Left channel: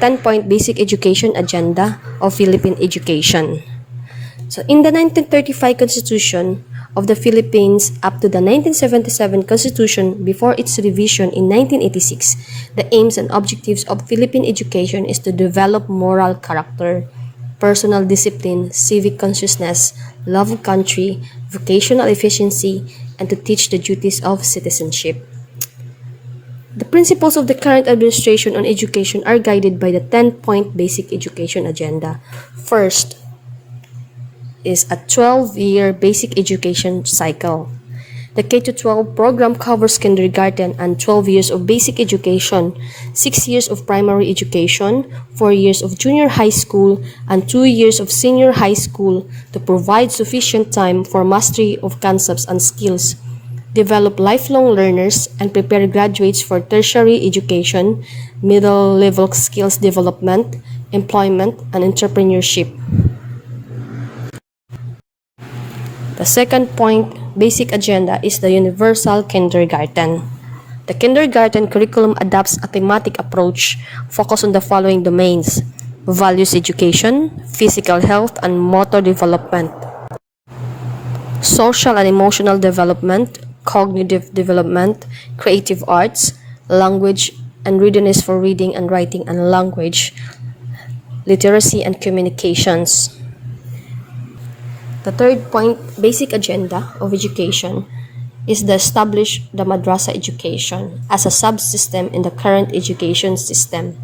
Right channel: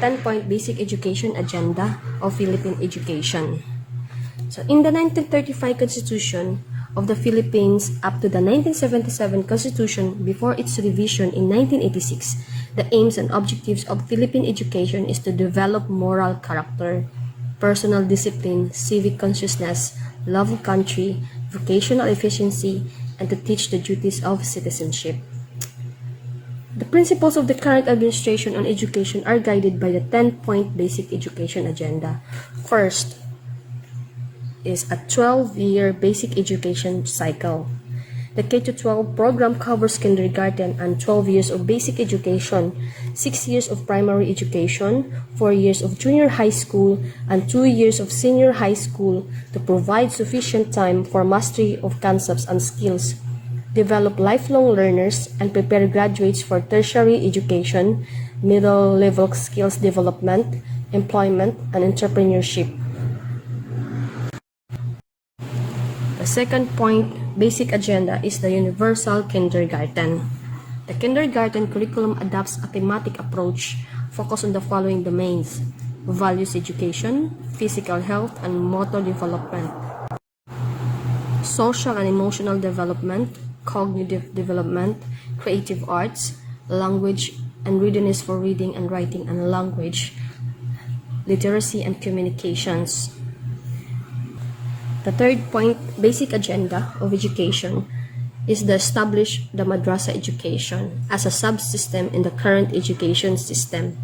10-point basic education agenda of Philippine education. So in the 1935 Constitution of the Philippines up to the 1977 Constitution before its revision in 1986, the aims and objectives of Philippine education is to develop moral character, personal discipline, civic consciousness, love of country, vocational efficiency, and to teach the duties of citizenship. The principles of the current administration on education are guided by the 10-point basic education agenda. First is a 12-year basic education cycle. The K-12 program covers kindergarten and 12 years of basic education, 6 years of primary education, 4 years of junior high school, and 2 years of senior high school to provide sufficient time for mastery of concepts and skills, develop lifelong learners, and prepare graduates for tertiary education, middle-level skills development, employment, and entrepreneurship. The second point, basic agenda, is the universal kindergarten. The kindergarten curriculum adopts a thematic approach focused on the following domains: values education, physical health and motor development, social and emotional development, cognitive development, creative arts, language and readiness for reading and writing and language, literacy and communications. The third point, basic agenda of education, is to establish the Madrasa Education as a subsystem in the current education system.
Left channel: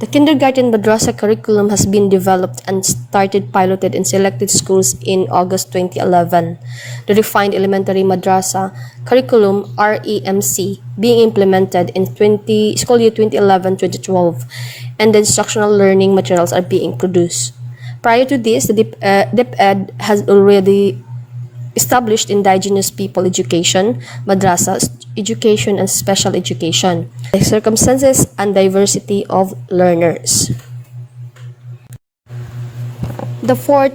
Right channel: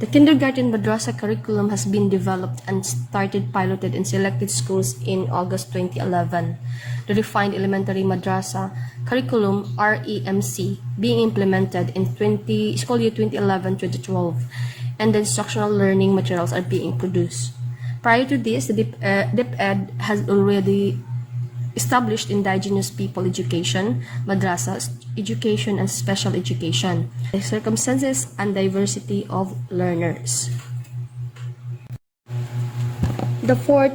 The kindergarten madrasa curriculum has been developed and started piloted in selected schools in August 2011. The refined elementary madrasa curriculum REMC being implemented in school year 2011-2012, and the instructional learning materials are being produced. Prior to this, the DepEd has already established indigenous people education, madrasa education, and special education, the circumstances and diversity of learners. The fourth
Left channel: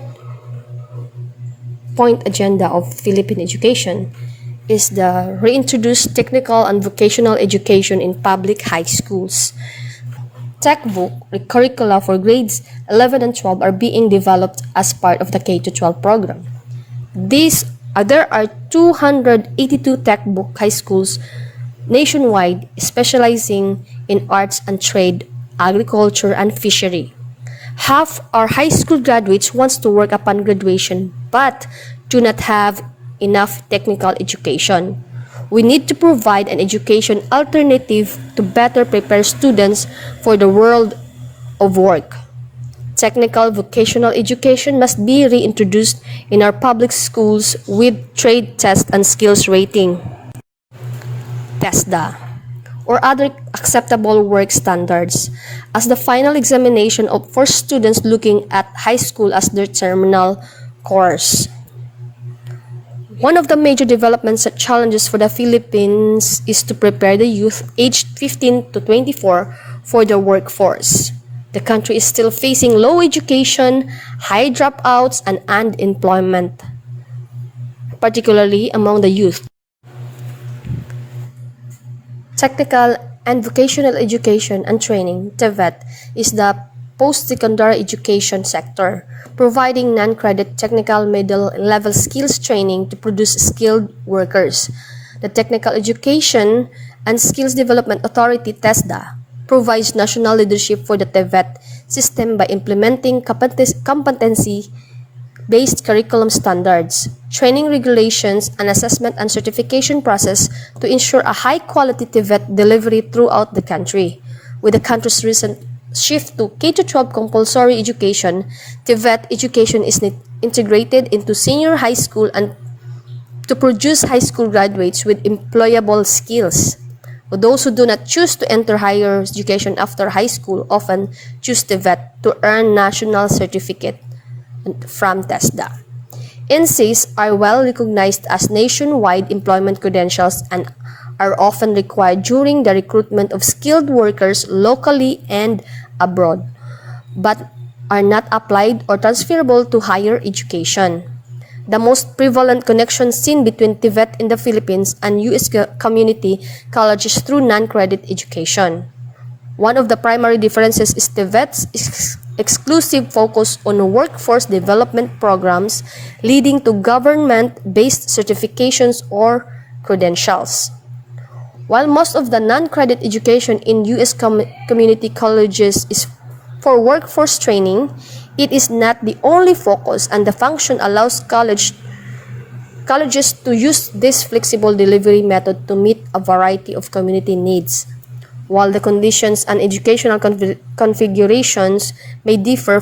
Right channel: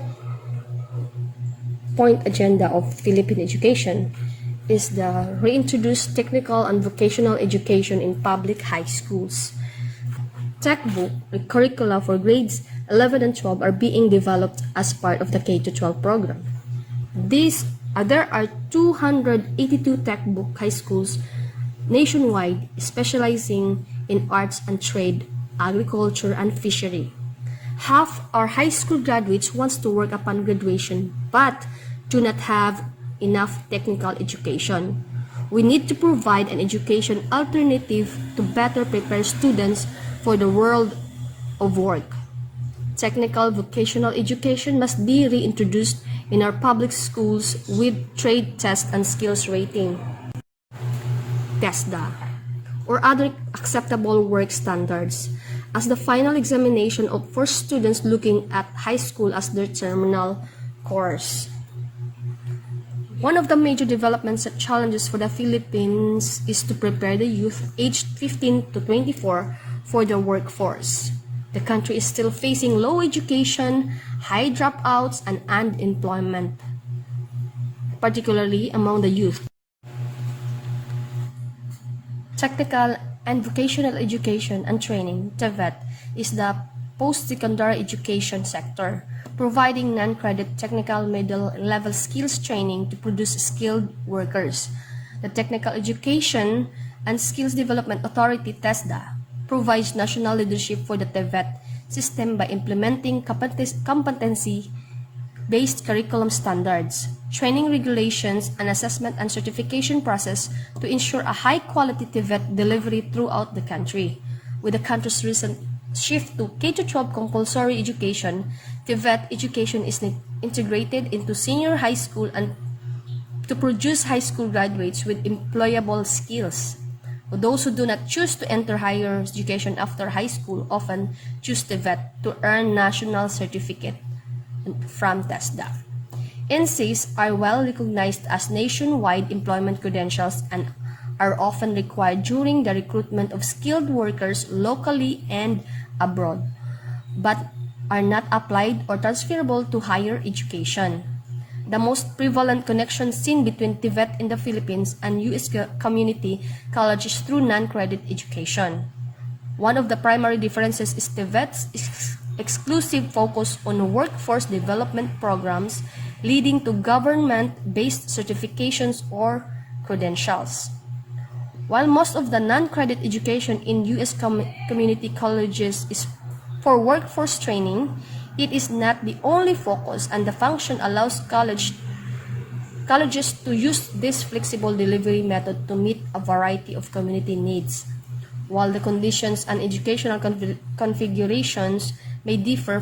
point agenda of Philippine education is the reintroduced technical and vocational education in public high schools. Textbook curricula for grades 11 and 12 are being developed as part of the K-12 program. There are 282 textbook high schools nationwide specializing in arts and trade, agriculture, and fishery. Half our high school graduates want to work upon graduation but do not have enough technical education. We need to provide an education alternative to better prepare students for the world of work. Technical vocational education must be reintroduced in our public schools with trade test and skills rating, TESDA, or other acceptable work standards as the final examination for students looking at high school as their terminal course. One of the major developments and challenges for the Philippines is to prepare the youth aged 15 to 24 for the workforce. The country is still facing low education, high dropouts, and unemployment, particularly among the youth. Technical and vocational education and training, TVET, is the post-secondary education sector, providing non-credit technical middle-level skills training to produce skilled workers. The Technical Education and Skills Development Authority, TESDA, provides national leadership for the TVET system by implementing competency-based curriculum standards, training regulations, and assessment and certification process to ensure a high-quality TVET delivery throughout the country. With the country's recent shift to K-12 compulsory education, TVET education is integrated into senior high school and to produce high school graduates with employable skills. Those who do not choose to enter higher education after high school often choose TVET to earn national certificate from TESDA. NCs are well recognized as nationwide employment credentials and are often required during the recruitment of skilled workers locally and abroad, but are not applied or transferable to higher education. The most prevalent connection seen between TVET in the Philippines and U.S. community colleges through non-credit education. One of the primary differences is the VET's exclusive focus on workforce development programs leading to government-based certifications or credentials. While most of the non-credit education in U.S. community colleges is for workforce training, it is not the only focus, and the function allows colleges to use this flexible delivery method to meet a variety of community needs. While the conditions and educational configurations may differ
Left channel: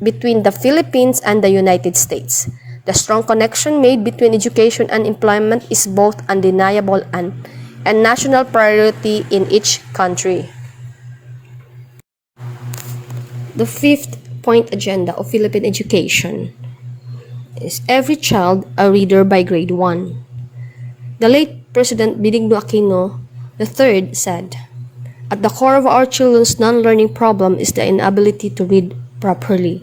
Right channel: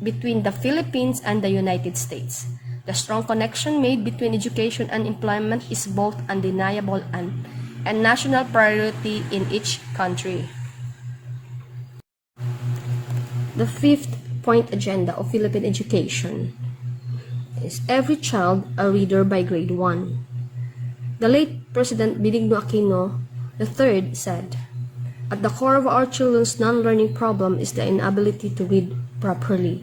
between the Philippines and the United States, the strong connection made between education and employment is both undeniable and a national priority in each country. The 5th point agenda of Philippine education is every child a reader by grade 1. The late President Benigno Aquino III said, "At the core of our children's non-learning problem is the inability to read properly.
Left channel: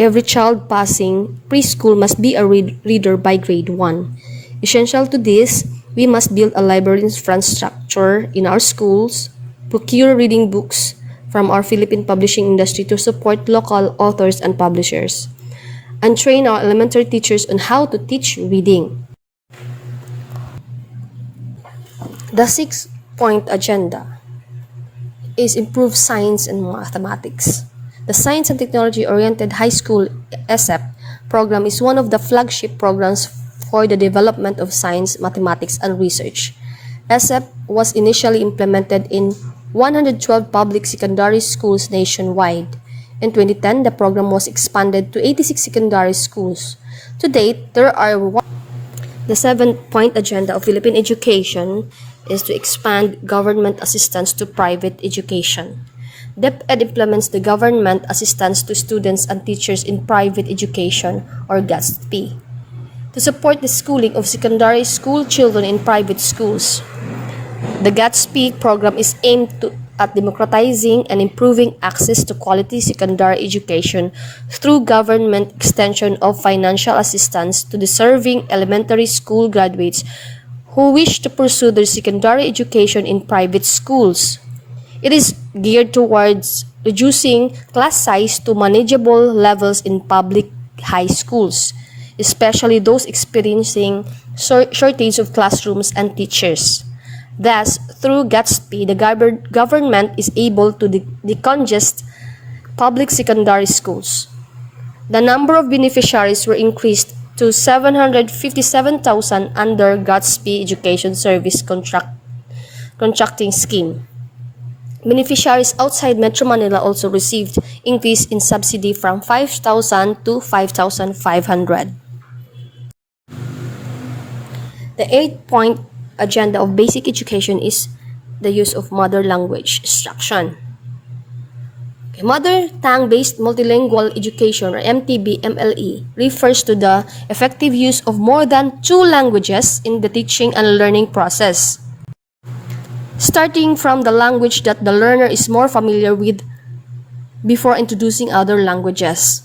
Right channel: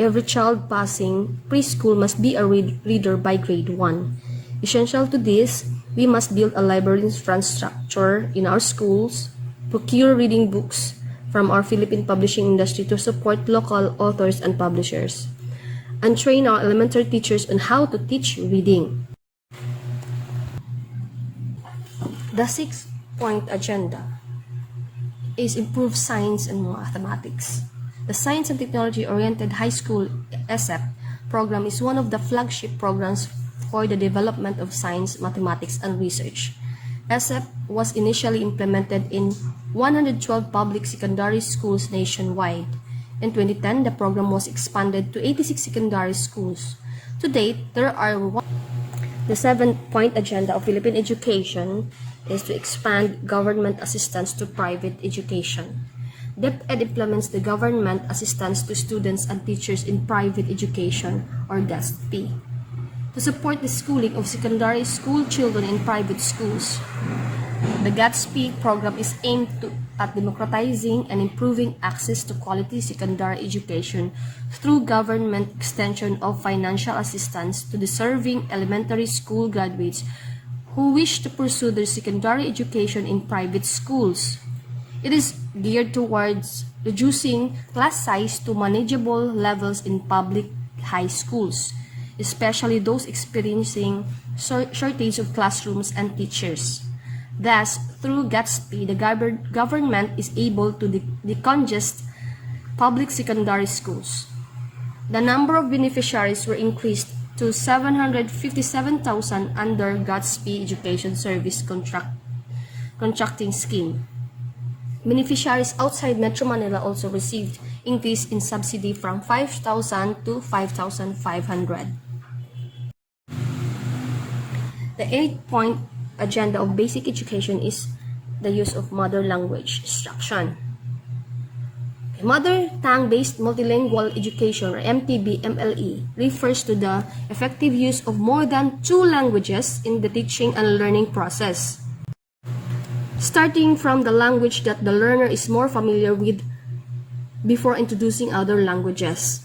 Every child passing preschool must be a reader by grade 1. Essential to this, we must build a library infrastructure in our schools, procure reading books from our Philippine publishing industry to support local authors and publishers, and train our elementary teachers on how to teach reading." The 6th point agenda is improve science and mathematics. The Science and Technology-Oriented High School ESSEP program is one of the flagship programs for the development of science, mathematics, and research. ESSEP was initially implemented in 112 public secondary schools nationwide. In 2010, the program was expanded to 86 secondary schools. To date, The 7th point agenda of Philippine education is to expand government assistance to private education. DepEd implements the government assistance to students and teachers in private education, or GASP, to support the schooling of secondary school children in private schools. The GASP program is aimed at democratizing and improving access to quality secondary education through government extension of financial assistance to deserving elementary school graduates who wish to pursue their secondary education in private schools. It is geared towards reducing class size to manageable levels in public high schools, especially those experiencing shortage of classrooms and teachers. Thus, through GASP, the government is able to decongest public secondary schools. The number of beneficiaries were increased to 757,000 under GASP Education Service contracting scheme. Beneficiaries outside Metro Manila also received increase in subsidy from 5,000 to 5,500. The 8th-point agenda of basic education is the use of mother language instruction. Mother tongue-based multilingual education, or MTB-MLE, refers to the effective use of more than 2 languages in the teaching and learning process, starting from the language that the learner is more familiar with before introducing other languages.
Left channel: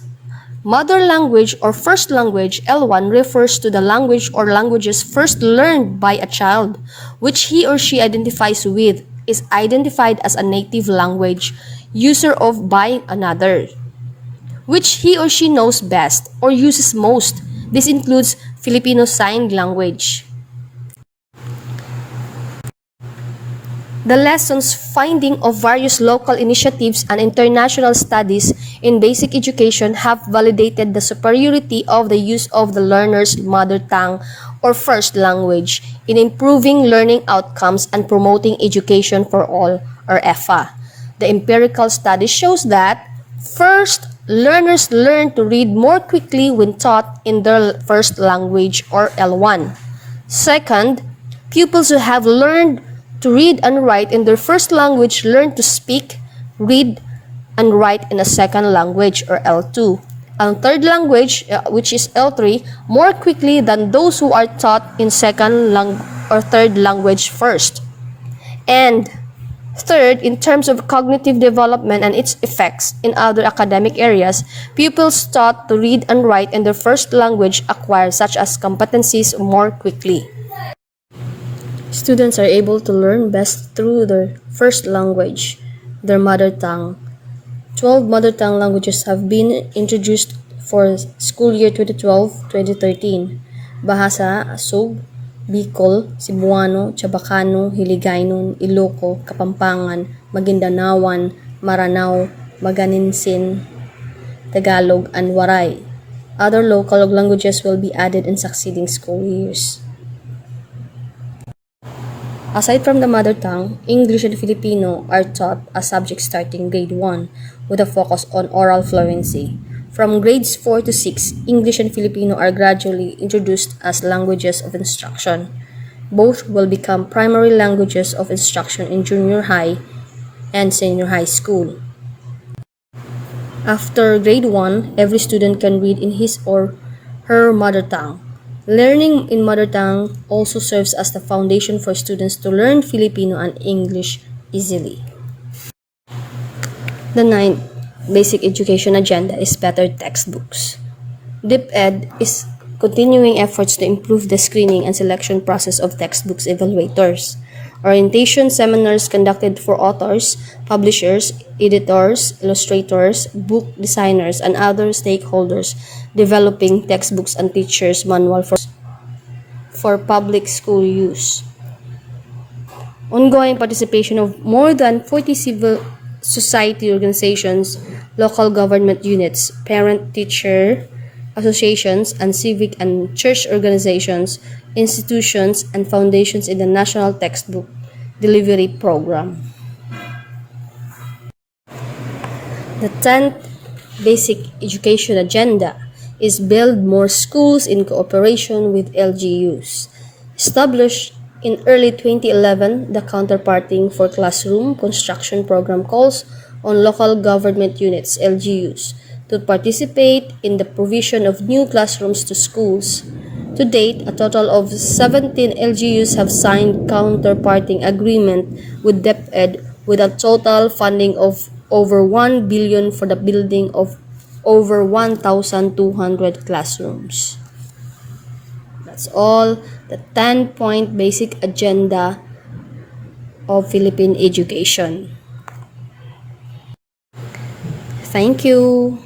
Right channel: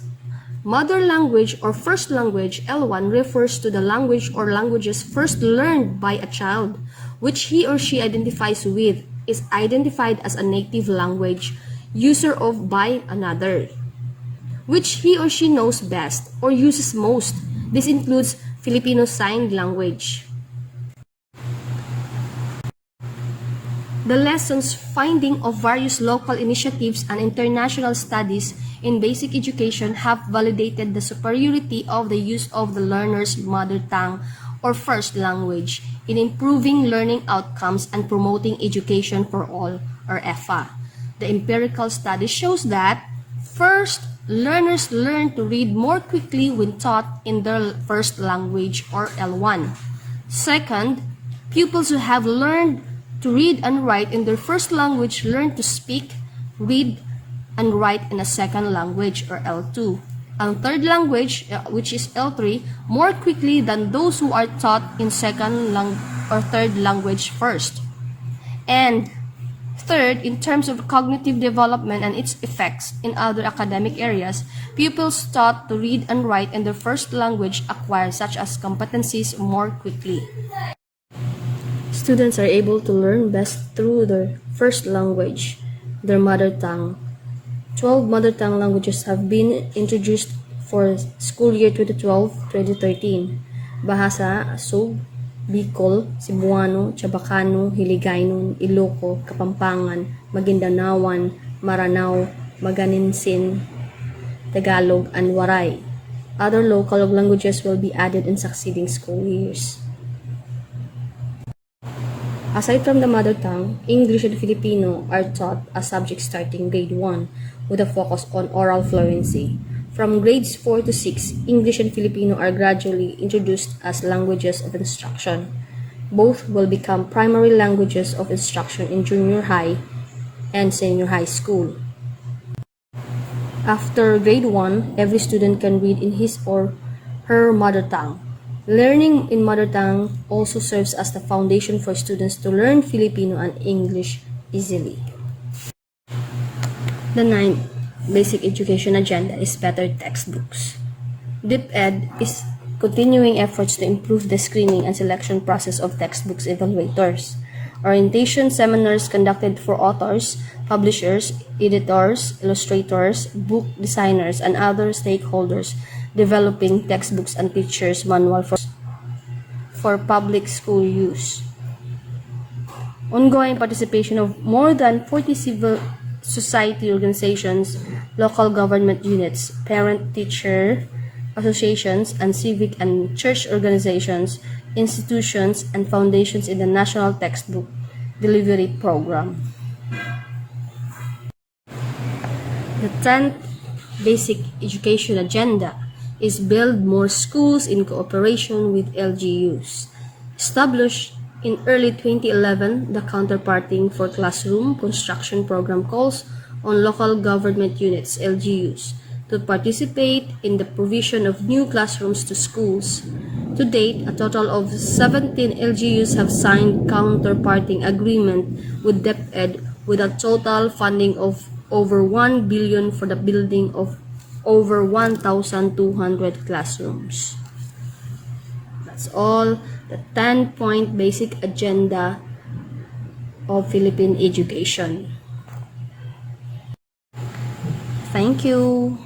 Mother language or first language, L1, refers to the language or languages first learned by a child, which he or she identifies with, is identified as a native language user of by another, which he or she knows best or uses most. This includes Filipino Sign Language. The lessons finding of various local initiatives and international studies in basic education have validated the superiority of the use of the learner's mother tongue or first language in improving learning outcomes and promoting education for all, or EFFA. The empirical study shows that, first, learners learn to read more quickly when taught in their first language, or L1. Second, pupils who have learned to read and write in their first language learn to speak, read, and write in a second language, or L2. And third language, which is L3, more quickly than those who are taught in second or third language first. And third, in terms of cognitive development and its effects in other academic areas, pupils taught to read and write in their first language acquire such as competencies more quickly. Students are able to learn best through their first language, their mother tongue. 12 mother tongue languages have been introduced for school year 2012-2013. Bahasa, Asog, Bicol, Cebuano, Chabacano, Hiligaynon, Iloco, Kapampangan, Maguindanaoan, Maranao, Maganinsin, Tagalog, and Waray. Other local languages will be added in succeeding school years. Aside from the mother tongue, English and Filipino are taught as subjects starting grade 1 with a focus on oral fluency. From grades 4 to 6, English and Filipino are gradually introduced as languages of instruction. Both will become primary languages of instruction in junior high and senior high school. After grade 1, every student can read in his or her mother tongue. Learning in mother tongue also serves as the foundation for students to learn Filipino and English easily. The ninth basic education agenda is better textbooks. DepEd is continuing efforts to improve the screening and selection process of textbooks evaluators. Orientation seminars conducted for authors, publishers, editors, illustrators, book designers, and other stakeholders developing textbooks and teachers' manual for public school use. Ongoing participation of more than 40 civil society organizations, local government units, parent-teacher associations, and civic and church organizations, institutions, and foundations in the National Textbook Delivery Program. The 10th Basic Education Agenda is build more schools in cooperation with LGUs. Established in early 2011, the Counterparting for Classroom Construction Program calls on local government units, LGUs, to participate in the provision of new classrooms to schools. To date, a total of 17 LGUs have signed counterparting agreement with DepEd with a total funding of over 1 billion for the building of over 1,200 classrooms. That's all the 10-point basic agenda of Philippine education. Thank you.